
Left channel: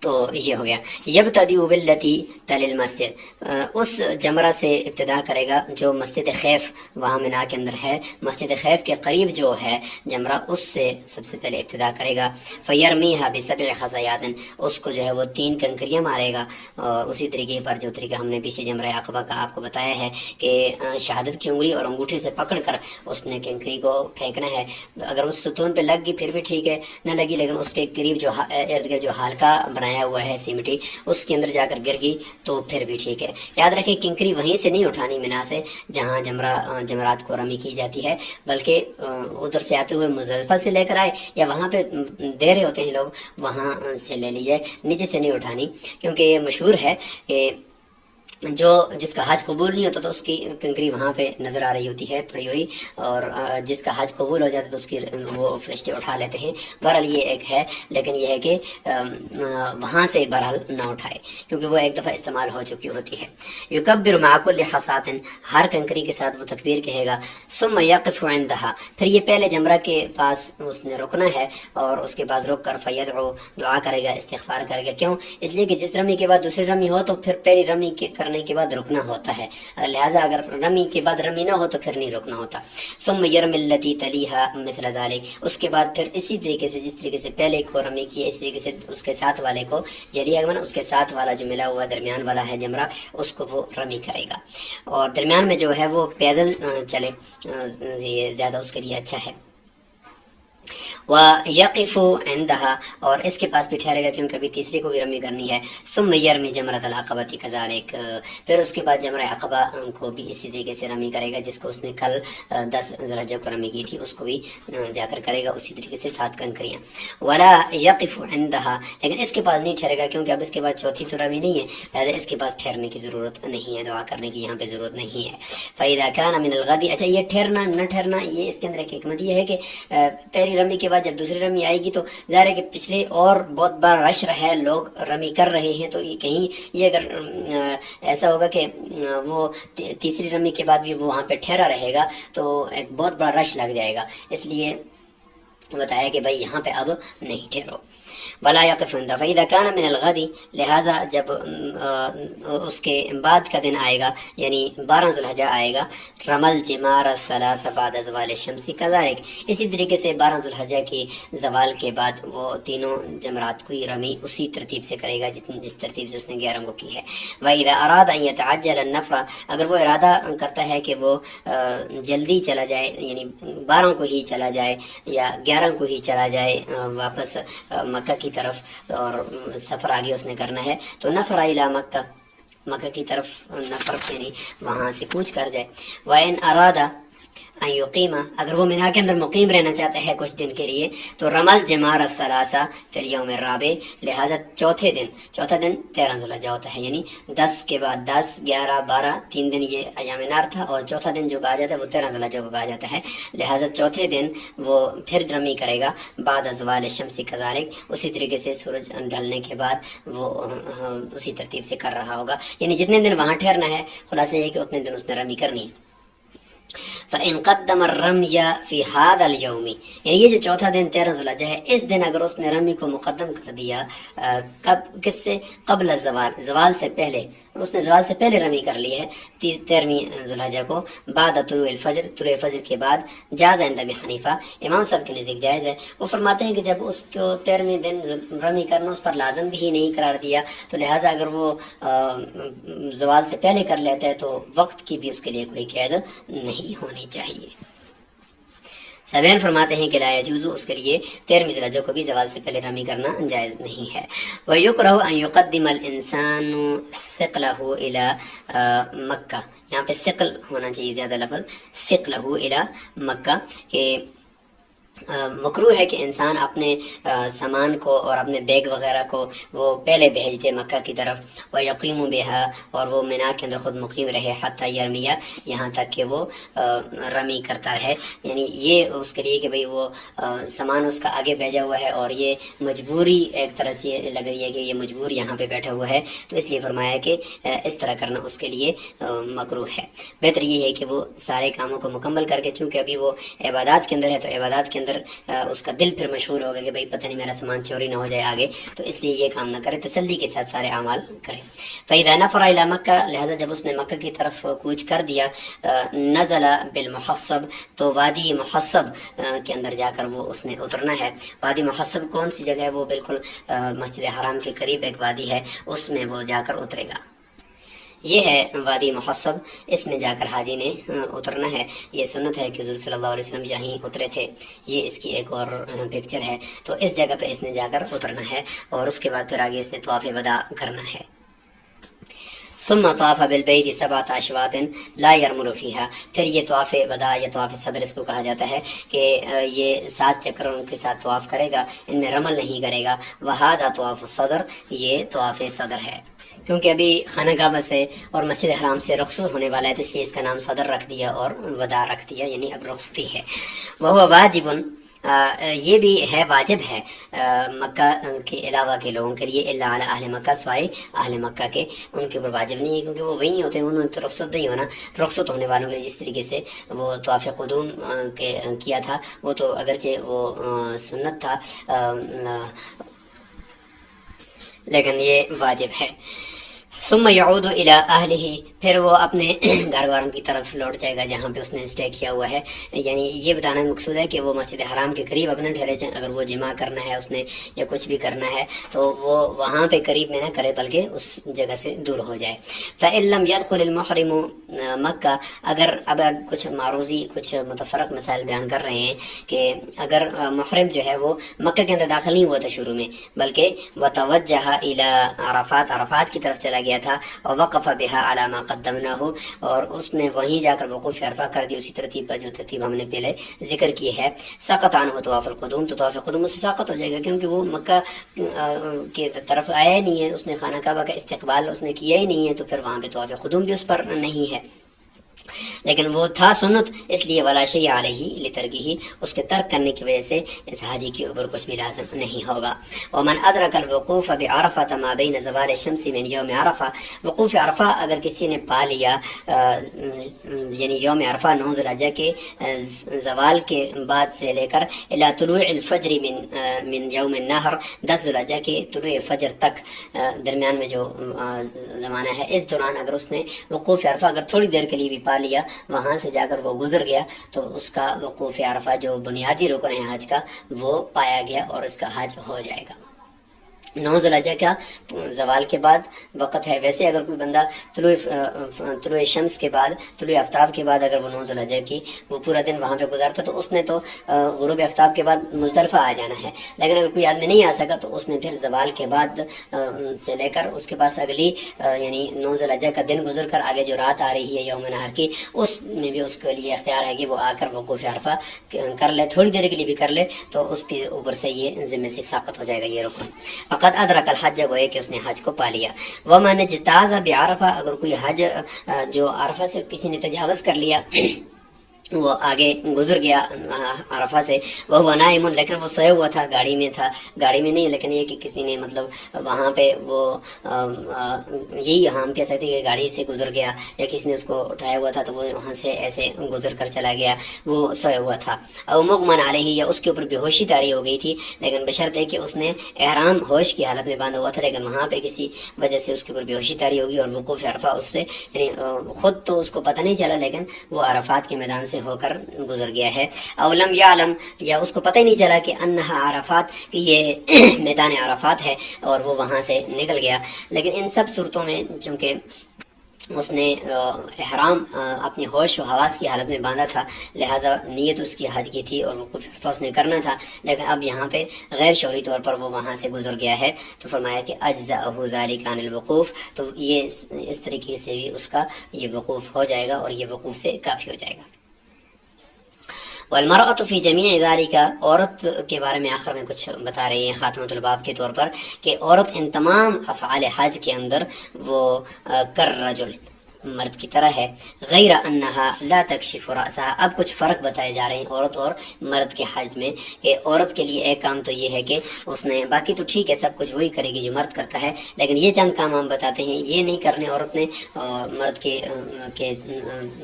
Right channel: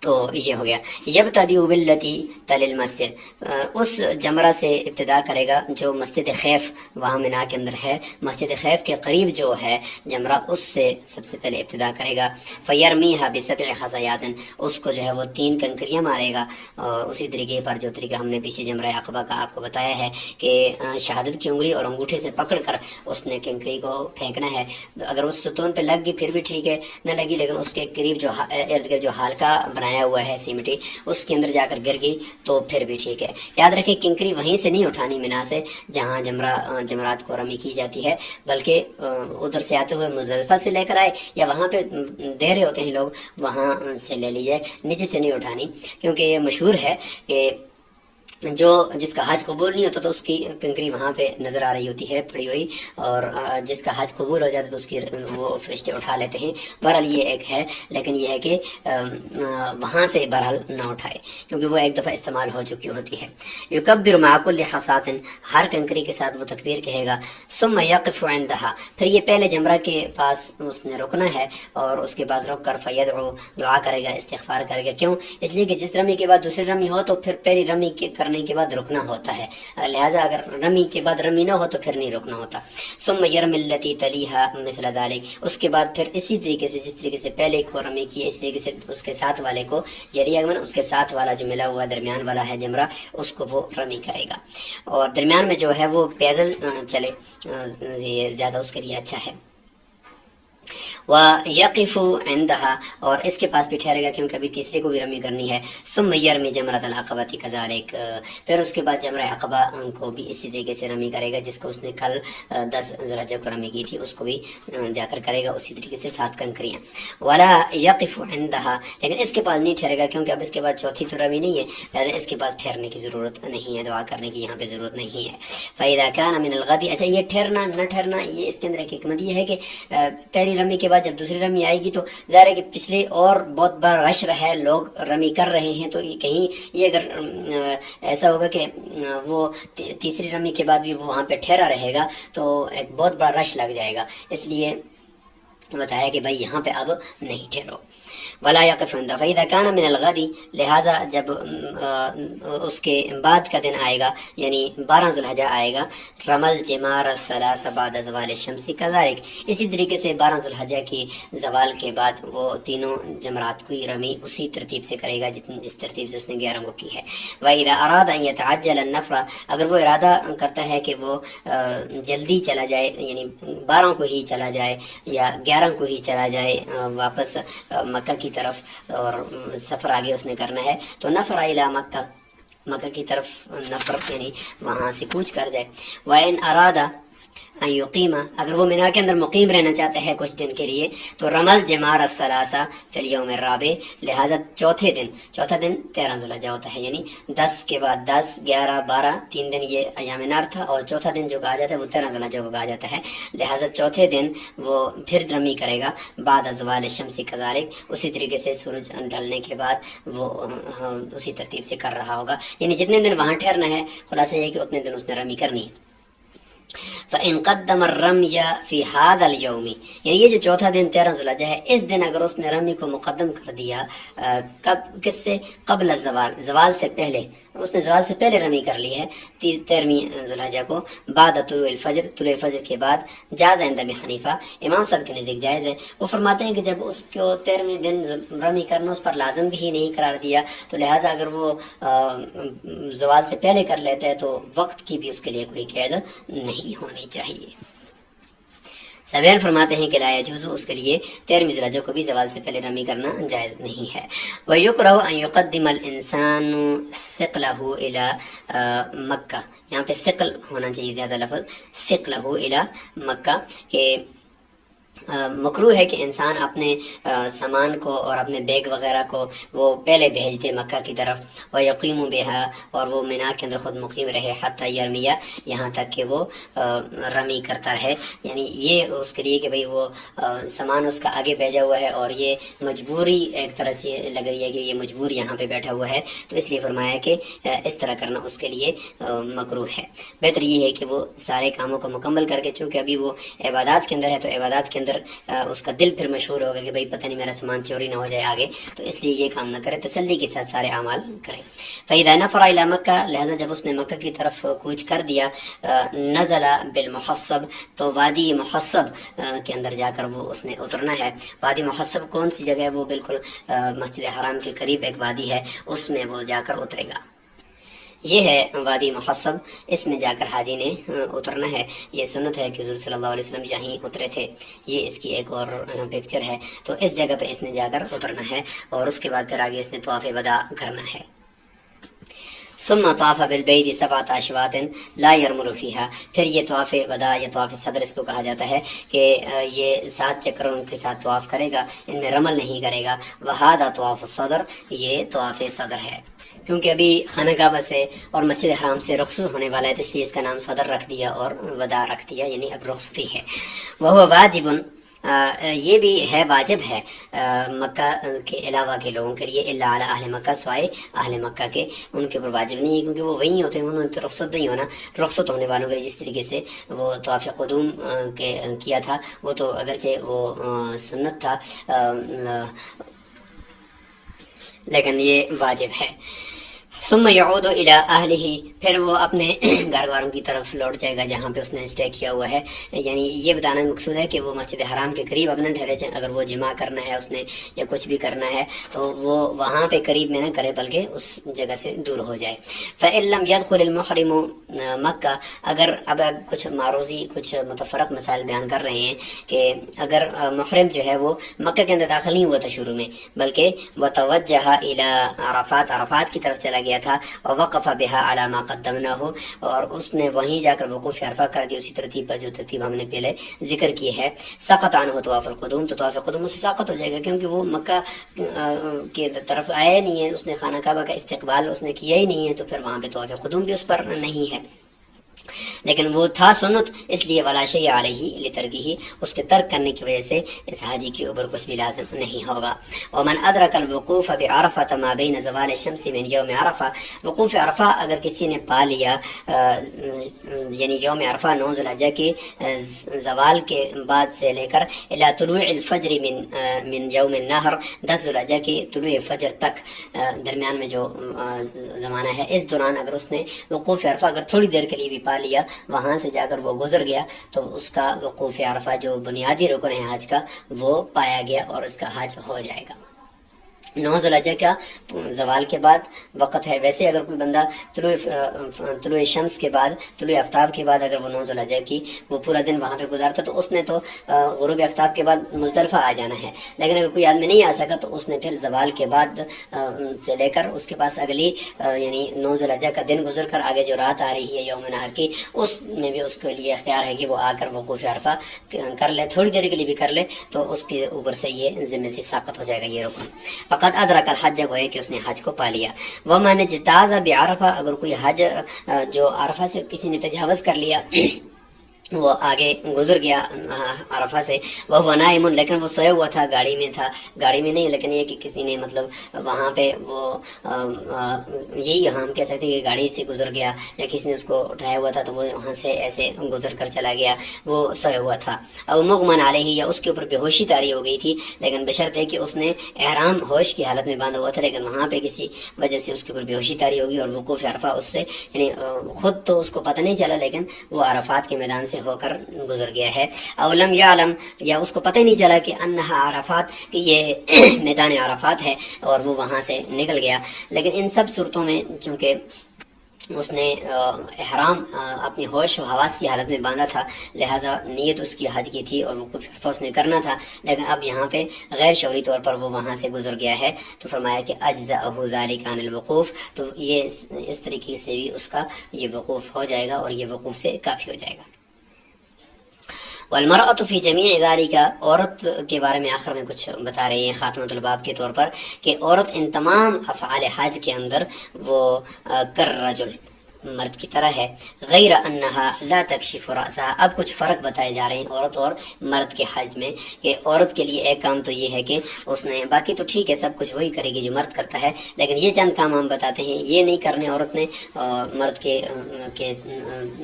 تو یہ ہو گیا۔ یبتدئ باللتی تلی المسجد، اس جمرہ سے ابتدا کرے گا جو مسجد خیف وہاں منا کے اندر ہے، مسجد خیف کے قریب جو ہے جمرہ اس سے سب سے پہلے ابتدا کرے گا۔ فیرمیھا بسبع خزیات، اس کو جو ہے وہ 3 کنکریاں مارے گا، اور اسی طریقے پر جو طریقہ ہم نے پیچھے جمرہ عقبہ کا آپ کو بتایا ہے کہ شہادت کی انگلی اور انگوٹھے سے پکڑ کر اس نے کنکری کو پھینکنا ہے، اگر اس ستون پہ لگ گئی پھر بھی ٹھیک ہے، نہ لگی لیکن اس کے قریب جو ارد گرد جو حلقہ بنایا ہوا ہے سیمٹی اس کے اندر جا کر گر گئی تو پھر بھی ٹھیک ہے۔ یاد رکھیں کنکری وہیں سے نہیں اٹھانی منا سے جہاں جمرات کو رمی کی جاتی ہے، بلکہ ادھر سے آتے ہوئے مزدلفہ سے لے کر آئے یا وہاں پہ دے رہے ہوتے ہیں لوگ وہاں سے لے لیجئے، نیچے سے نہیں اٹھانی، کیونکہ یہ مشہور ہے کہ جس کا حج قبول نہیں ہوتا تو اس کی کنکری وہاں پہ نظر آ رہی ہوتی ہے پڑی ہوئی، اور جس کا حج قبول ہو جاتا ہے تو اس کی وہ فرشتے اٹھا لیتے ہیں۔ بہرحال یہ ایک ہے، لیکن یہ ہے کہ وہاں سے بہرحال نہ اٹھائے کیونکہ وہ ایک دفعہ استعمال ہو چکی ہوتی ہے۔ یکبر مع کل حصاۃ، ہر کنکری کے ساتھ وہ تکبیر کہے گا۔ ثم یقف عندها، پھر یہ پہلے جمرہ کے پاس اس نے رکنا ہے اور اس کے بعد رک کر فیدعو، دعا کرے گا، استغفار کرے گا۔ کیوں؟ اس لیے کہ جس رمی کے بعد دوسری رمی ہو تو پھر پہلی رمی کرنے کے بعد رکنا ہوتا ہے، لہٰذا اگر رمی کے بعد رمی نہ ہو تو پھر نہیں رکنا ہوتا۔ ثم یرمی التی تلیھا مثل ذلک، اس کے بعد پھر اسی طریقے سے جس طریقے سے پہلے کو رمی کی اس طریقے سے اس کے ساتھ والے کو اس کے ساتھ والا جو ملا ہوا درمیان والا ہے جمرہ اس کو وہ رمی کرے گا، اور درمیان میں جو ہے وہ پیدل چلے، یہ زیادہ اس کے لیے اچھا ہے۔ وَيَقِفُ عِنْدَهَا، اور اس کے پاس بھی ٹھہرے گا کیونکہ ابھی تیسرے کو بھی رمی کرنی ہے۔ ثُمَّ يَرْمِي جَمْرَةَ الْعَقَبَةِ كَذَلِكَ، پھر اس کے بعد جمرہ عقبہ کو بھی اسی طریقے سے رمی کرے گا، جس کو اس نے کل 10 ذو الحجہ کو رمی کی تھی اس کو بھی جا کر کرے گا اسی طریقے سے 7 کنکریاں۔ وَلَا يَقِفُ عِنْدَهَا، لیکن اس کے پاس نہیں ٹھہرے گا کیونکہ اب اس کے بعد چوتھی تو رمی نہیں ہے، لہٰذا اس کے پاس ٹھہرنے کی ضرورت نہیں ہے، دعا کرنے کی یہاں پہ ضرورت نہیں ہے۔ فَإِذَا كَانَ مِنَ الْغَدِ، اچھا یہ ٹھہرنا نہ ٹھہرنا یہ اس کے اندر ایک حکمت یہ ہے کہ پہلی رمی کے بعد جب دوسری رمی آئے گی تو ظاہر ہے کہ پچھلے اور بہت بار رش ہے، لوگ رمی کر رہے ہیں، تو کہیں یہ اگر ایسا ہوگا کہ وہ تیسری رمی کے بعد بھی وہ وہاں پہ ٹھہرا رہے گا تو ایک بہت بڑا رش لگ جائے گا، اس لیے بتایا کہ بھائی یہاں پہ اب نہیں ٹھہرو۔ ولا يقف عند فإذا كان من الغد، لہٰذا جب اس کے بعد کا دن آئے گا یعنی 12 ذو الحجہ آئے گا، رمل جمار الثلاث بعد زوال الشمس كذلك، اسی طریقے سے 12 ذو الحجہ کی زوال کے بعد وہ تینوں جمرات کی رمی اسی ترتیب سے کرے گا جس ترتیب سے اس نے 11 کو کی ہے۔ وإذا أراد أن يتعجل النفر، اگر وہ ارادہ کرتا ہے کہ وہ جلدی چلا جائے یعنی 12 کو ہی چلا جائے یا 11 کو ہی چلا جائے واپس مکہ کی طرف، اور سفر آگے اس نے کرنا ہے تو نفر الی مکہ کی طرف نفر یعنی وہاں سے کوچ کر جائے۔ وَإِنْ أَرَادَ أَنْ يُقِيمَ، اگر وہ مینا کے اندر مقیم رہنا چاہتا ہے کچھ دن کے لیے تو رمل جمار الثلاثہ فی اليوم الرابع، لہٰذا چوتھا دن 13 ذو الحجہ ہوتا ہے، یعنی 10 کے بعد 10 11 12 3 دن یہ ایام نار تھا، اور چوتھا دن جو کہا جاتا ہے وہ 13 ذو الحجہ کو کہا جاتا ہے، لہٰذا چوتھے دن وہ پھر رمی کرے گا بعد زوال الشمس كذلك، اسی طریقے سے سورج ڈھلنے کے بعد وہ اسی ترتیب سے کر رہا ہوگا، یعنی جتنے دن وہاں ٹھہرنا ہے خلاصہ یہ کہ اتنے دن اس نے رمی کرنی ہے۔ فَإِنْ قَدَّمَ الرَّمْيَ فِي هَذَا الْيَوْمِ، یعنی یہ جو چوتھا دن 13 ذو الحجہ ہے اس دن اگر اس نے رمی کو مقدم کر دیا کس سے؟ قبل زوال سے پہلے، اس نے زوال سے پہلے رمی کر لی ہے 13ویں ذو الحجہ کو، بعد طلوع فجر کے بعد، جاز عند ابی حنیفہ، امام صاحب کے نزدیک جائز ہے۔ وہ فرماتے ہیں کہ جب اس کو 13ویں دن رمی کرنا اس پر لازم بھی نہیں قرار دیا تو لہٰذا اگر وہ زوال سے پہلے کر لیتا ہے تو وقت کی بھی اس کے لیے کوئی قید نہیں ہونی چاہیے۔ سبین فرماتے ہیں کہ لا یجوز، اس کے لیے 13ویں ذو الحجہ کو بھی زوال سے پہلے رمی کرنا جائز نہیں ہے۔ وَيُكْرَهُ أَن يُقَدِّمَ الْإِنسَانُ ثِقْلَهُ إِلَى مکہ، یہاں پہ ثقل ہونا چاہیے زیادہ لفظ، ثقلہ الی مکہ، کہ مکروہ ہے کہ انسان اپنے سامان کو اور اپنے بیگ وغیرہ کو وہ پہلے بھیج دے مکہ کی طرف، وَيَقِيمُ بِهَا، اور وہ مینا کے اندر خود مقیم رہے، حتی یرمیہ، یہاں تک کہ وہ رمی کرتا رہے. یعنی یہ اس کے لیے کہ بھئی وہ سامان اس کا آگے بھیجا ہوا ہے اور یہ مجبوری ایک طرح سے لگ رہی ہے کہ یہ مجبور یہاں پہ بیٹھا ہوا ہے، تو اس لیے فرمایا کہ اس طرح کرنا اس کے لیے مکروہ ہے. بہتر یہ ہے کہ وہ سارے کاموں کو مکمل کر کے، چونکہ ابھی وہ عبادات کے اندر ہے تو عبادات کے اندر اس کا دل پھر مشہور ہوگا کہ بھئی پتہ نہیں میرا سامان چوری نہ ہو جائے آگے، تو اس لیے یہ کام نہ کرے، تسلی کے ساتھ سارے اعمال کرے. فَإِذَا نَفَرَ إِلَى مَكَّةَ، لہذا جب اس نے مکہ کی طرف کوچ کر دیا، نزل بالمحصب، تو وادی محصب کے اندر جا کر وہ اس نے اترنا ہے. وادی محصب کون سی جگہ ہے؟ وہ بالکل مسجد حرام کے قریب ایک وادی ہے، اس میں وہ جا کر اترے گا. یہ ہے وادی محصب، اس میں جا کر حاجی نے اترنا ہے. یہ سنت ہے کہ حضور صلی اللہ علیہ وسلم یہیں اترے تھے. یہ اس کی ایک اور پکچر ہے. تو اس جگہ پہ اس نے جا کر اترنا ہے اور اس کے بعد پھر آگے اس نے طواف وداع کرنا ہے. ثم طاف بالبیت 7 اشواط لا يرمل فيها، پھر یہ طواف وداع یا طواف صدر اس کو کہا جاتا ہے کہ یہ 7 چکر ان کے ساتھ طواف کرے گا، ان میں رمل نہیں کرے گا. وہذا طواف الصدر، یہ طواف صدر ہے. کیونکہ ابھی خانہ کعبہ سے اور مسجد حرام سے رخصت ہونے والا ہے تو اس لیے اس کا نام صدر رکھ دیا اور وداع رکھ دیا، یعنی اب رخصتی ہے. وہ واجب، یہ بھی ہے، واجب ہے مکہ کے علاوہ کے لوگوں کے لیے، الا علی اہل مکہ، سوائے اہل مکہ کے، ان کے اوپر واجب نہیں ہے کیونکہ وہ وہیں ہوتے ہیں، انہوں نے تو رخصت نہیں ہونا. رخصت ہونے والوں کے لیے جس طریقے سے وہ طواف قدوم کیا تھا، وہ تو اگرچہ وہ سنت تھا لیکن یہ واجب ہے. ثم يعود الى اہلہ، پھر وہ اپنے گھر والوں کی طرف لوٹ جائے گا جہاں پہ اس نے اسٹے کیا ہوا ہے. یعنی یہ بتانا مقصود ہے کہ وہ مسجد حرام کے قریب اپنے ٹھہرے، اگر وہ جمع کرنا ہے اس نے یا کچھ بھی کرنا ہے تو وہ وہاں پہ قریب میں نہ کرے بلکہ اس جگہ سے دور ہو جائے. فإن لم يدخل المحرم مکہ، اگر اب کچھ معروضی کچھ متفرق مسائل بیان کر رہے ہیں کہ اگر محرم جو ہے وہ مکہ کے اندر داخل نہیں ہوا تھا شروع میں، بلکہ وتوجہ الى عرفات، عرفات کی طرف چلا گیا تھا، ووقف بها على ما قدمناه، اور اس نے وہیں جا کر وقوف عرفہ کر دی اسی ترتیب پر جو ترتیب ہم نے پہلے ذکر کی ہے. سقط عنہ طواف القدوم، تو طواف قدوم اس سے ساقط ہو جائے گا کیونکہ وہ مکہ کی طرف آیا ہی نہیں ہے، اس نے خانہ کعبہ کا استقبال اس نے کیا ہی نہیں ہے، تو پھر وہاں پہ طواف قدوم بھی اس پر نہیں ہے. لیکن وہ تھا سنت، اس لیے ولا شیء علیہ لترکہ، اس کے ترک کرنے کی وجہ سے اس حاجی کے اوپر کچھ بھی لازم نہیں ہوگا. ومن ادرک الوقوف بعرفہ ما بین زوال الشمس من یوم عرفہ، وقوف عرفہ اگر کسی نے پا لیا یعنی یوم عرفہ 9 ذی الحجہ کے زوال کے بعد سے لے کر الی طلوع الفجر من یوم النحر، 10 ذی الحجہ کے طلوع فجر تک درمیان میں جو زمانہ ہے، اس دوران اگر اس نے وقوف عرفہ اگر تھوڑی دیر کے لیے بھی پا لیا، وہاں سے جا کر وہ گزر گیا، تو اس کا وقوف عرفہ جو بنیادی رکن ہے حج کا وہ پایا گیا اور اس کا حج ہو جائے گا. 9 ذی الحجہ کا زوال کے بعد وقت ہے. ویسے اگر کوئی بندہ طلوع شمس کے بعد، طلوع آفتاب کے بعد اگر وہ 9 ذی الحجہ کی وہ پورا دن وہاں پہ گزارتا تو اس نے تو غروب آفتاب کے بعد مزدلفہ آ جانا ہے. لیکن اگر کوئی آدمی نہیں آ سکا تو اس نے پھر زوال کے بعد سے لے کر اس کے پاس اگلی یعنی 9 ذی الحجہ کا دن گزر کر آگے جو رات آ رہی ہے یوم نحر کی، اس میں بھی اس کے لیے اختیار ہے کہ وہ آ کر وقوف عرفہ کر لے، تھوڑی دیر کے لیے بھی کر لے، تو اس کے اوپر سے یہ ذمہ سے ساقط ہو جائے گا یہ رکن. فقط ادرک الحج، گوئے کہ اس نے حج کو پا لیا. ومن اجتاز بعرفہ، اگر کوئی حج جو عرفہ سے کسی نے تجاوز کر لیا، وہ آگے گزر گیا عرفہ سے، وہ نائم، لیکن وہ سویا ہوا تھا، گاڑی میں تھا، گاڑی میں نہیں لیکن یہ کہ کسی نے مطلب وہاں پہ وہ یہی ہم کہہ سکتے ہیں کہ گاڑی سے گزر گیا یا کسی نے اس کو اٹھایا ہوا تھا تو وہ وہاں سے ایسے گزر کر چلا گیا، وہ سویا ہوا تھا. اور مغمن علیہ، یا اس کے اوپر بے ہوشی طاری ہو گئی تھی، لیکن بشرط ہے کہ اس نے احرام ہوش کی حالت میں باندھا ہوا تھا، لیکن وہاں پہ کسی وجہ سے اس کے اوپر بے ہوشی طاری ہوگی اور وقوف عرفہ اس سے یعنی خود تو اس کو پتہ نہیں چلا لیکن وہ عرفات کے میدان سے ہو کر گزر گیا ہے. او لم یعلم، یا اس کو پتہ ہی نہیں چلا کہ انہا عرفات، کہ یہ میدان عرفات ہے اور وہ وہاں سے نکل گیا. لیکن ان سب صورتوں میں چونکہ اس نے احرام اپنی ہوش و حواس کی حالت میں باندھا تھا، لہٰذا نیت اس کی حج کی تھی اور وقوف عرفہ اس نے کرنا تھا، لیکن اب یہاں پہ غیر شعوری طور پر وہ وہاں سے گزر گیا ہے، تو فرمایا کہ اجزأہ ذالک عن الوقوف، تو یہ اس طریقے سے بھی اس کا یہ وقوف ہو جائے گا اور یہ وقوف سے کافی ہو جائے گا. والمرأة فی جمیع ذالک، عورت کے بارے میں آخر میں کچھ بتا رہے ہیں خاتمۃ الباب کے طور پر کہ عورت ان تمام افعال حج کے اندر وہ کالرجل، مرد کی طرح ہے، غیر انہا لا تکشف رأسها۔ اب کچھ فرق بتائے جا رہے ہیں عورت اور مرد کے حج میں، کہ عورت کے لیے ایک کام تو یہ ہے کہ اس نے، باقی تو ٹھیک ہے سب کچھ وہی کرے گی جو مرد کرتا ہے، لیکن یہ چند کام ہم بتاتے ہیں یہ نہیں کرنے عورت نے مرد کے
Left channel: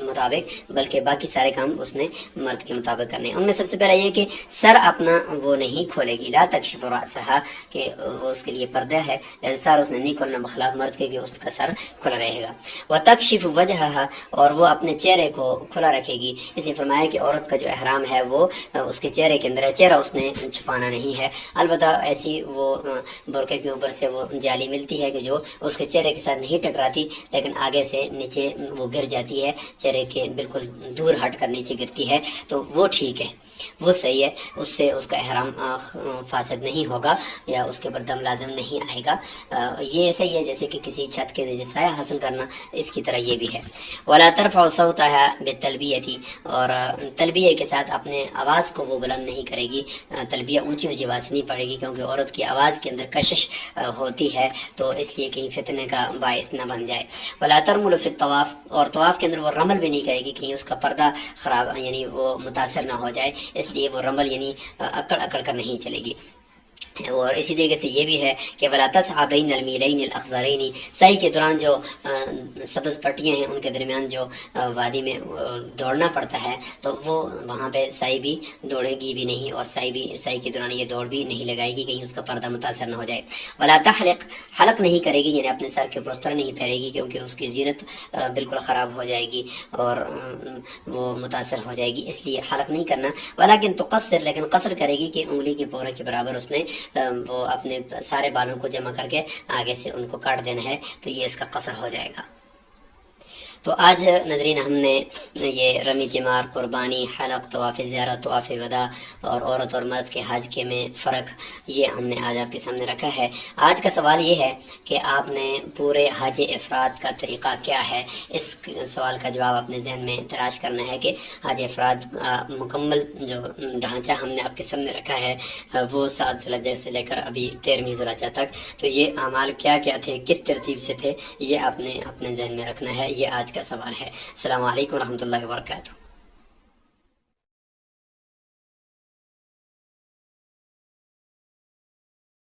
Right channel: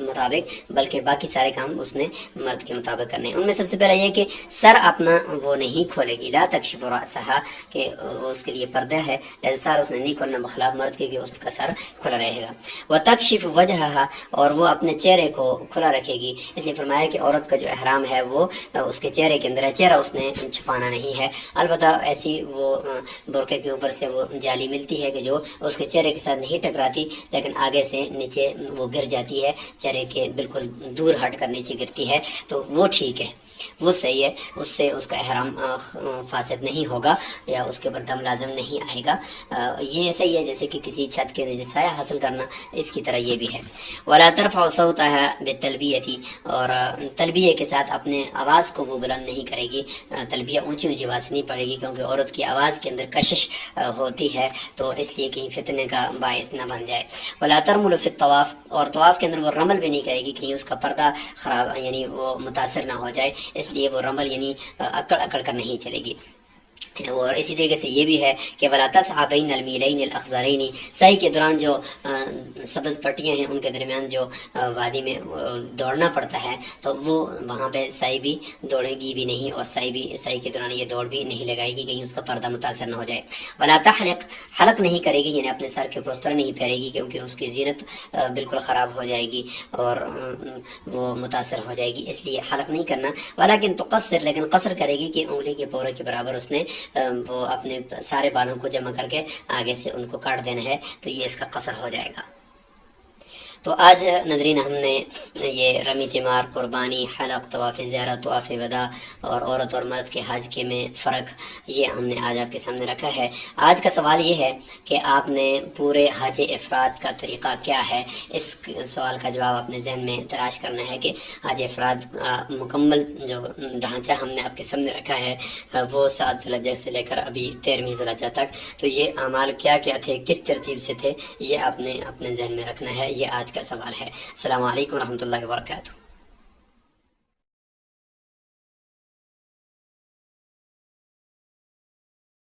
مطابق، بلکہ باقی سارے کام اس نے مرد کے مطابق کرنے ہیں۔ ان میں سب سے پہلا یہ کہ سر اپنا وہ نہیں کھولے گی، لا تکشف رأسها، کہ اس کے لیے پردہ ہے، لیکن سر اس نے نہیں کھولنا، بخلاف مرد کے کہ اس کا سر کھلا رہے گا۔ وتکشف وجہها، اور وہ اپنے چہرے کو کھلا رکھے گی، اس لیے فرمایا کہ عورت کا جو احرام ہے وہ اس کے چہرے کے اندر ہے، چہرہ اس نے چھپانا نہیں ہے، البتہ ایسی وہ برقعے کے اوپر سے وہ جالی ملتی ہے کہ جو اس کے چہرے کے ساتھ نہیں ٹکراتی، لیکن آگے سے نیچے وہ گر جاتی ہے، چہرے کے بالکل دور ہٹ کر نیچے گرتی ہے، تو وہ ٹھیک ہے، وہ صحیح ہے، اس سے اس کا احرام فاسد نہیں ہوگا یا اس کے اوپر دم لازم نہیں آئے گا، یہ صحیح ہے، جیسے کہ کسی چھت کے نیچے سایہ حاصل کرنا، اس کی طرح یہ بھی ہے۔ ولا ترفع صوتها بالتلبیہ، اور تلبیہ کے ساتھ اپنے آواز کو وہ بلند نہیں کرے گی، تلبیہ اونچی اونچی آواز نہیں پڑے گی، کیونکہ عورت کی آواز کے اندر کشش ہوتی ہے، تو اس لیے کہیں فتنے کا باعث نہ بن جائے۔ ولا ترمل فی الطواف، اور طواف کے اندر وہ رمل بھی نہیں کرے گی، کہیں اس کا پردہ خراب یعنی وہ متاثر نہ ہو جائے، اس لیے وہ رمل یعنی اکڑ اکڑ کر نہیں چلے گی۔ اور اسی طریقے سے یہ بھی ہے کہ ولا تسعى بین المیلین الاخضرین، سعی کے دوران جو سبز پٹیاں ہیں ان کے درمیان جو وادی میں دوڑنا پڑتا ہے، تو وہ وہاں پہ سعی بھی دوڑے گی بھی نہیں، اور سعی کے دوران یہ دوڑ بھی نہیں لگائے گی، کہیں اس کا پردہ متاثر نہ ہو جائے۔ ولا تحلق، حلق نہیں کرے گی، یعنی اپنے سر کے اوپر اس طرح نہیں پھیرے گی، کیونکہ اس کی زینت بالکل خراب ہو جائے گی اور وہ متاثر ہو جائے گی، اس لیے حلق نہیں کرنا۔ ولیکن تقصر، لیکن قصر کرے گی کہ انگلی کے پورے کے برابر اس نے وہ اپنے سارے بالوں کو جمع کر کے آگے سے ان کو کاٹ دینا ہے، تو یہ اس کا قصر ہو جائے گا۔ تو آج ناظرین ہم نے یہ رمی جمار، قربانی، حلق، طواف زیارت، طواف وداع اور عورت اور مرد کے حج کے میں فرق، یہ ہم نے آج آپ کے سامنے رکھا ہے۔ آج کا سوال یہ ہے کہ آپ نے پورے حج افراد کا طریقہ کیا ہے، اس سوال کا جواب اپنے ذہن میں تلاش کرنا ہے کہ حج افراد مکمل جو ڈھانچہ ہم نے آپ کے سامنے رکھا ہے وہ 7 ذی الحجہ سے لے کر ابھی 13ویں ذی الحجہ تک، تو یہ اعمال کیا کیا تھے، کس ترتیب سے تھے، یہ آپ نے اپنے ذہن میں رکھنا ہے، یہ آج کا سوال ہے۔ السلام علیکم ورحمۃ اللہ وبرکاتہ۔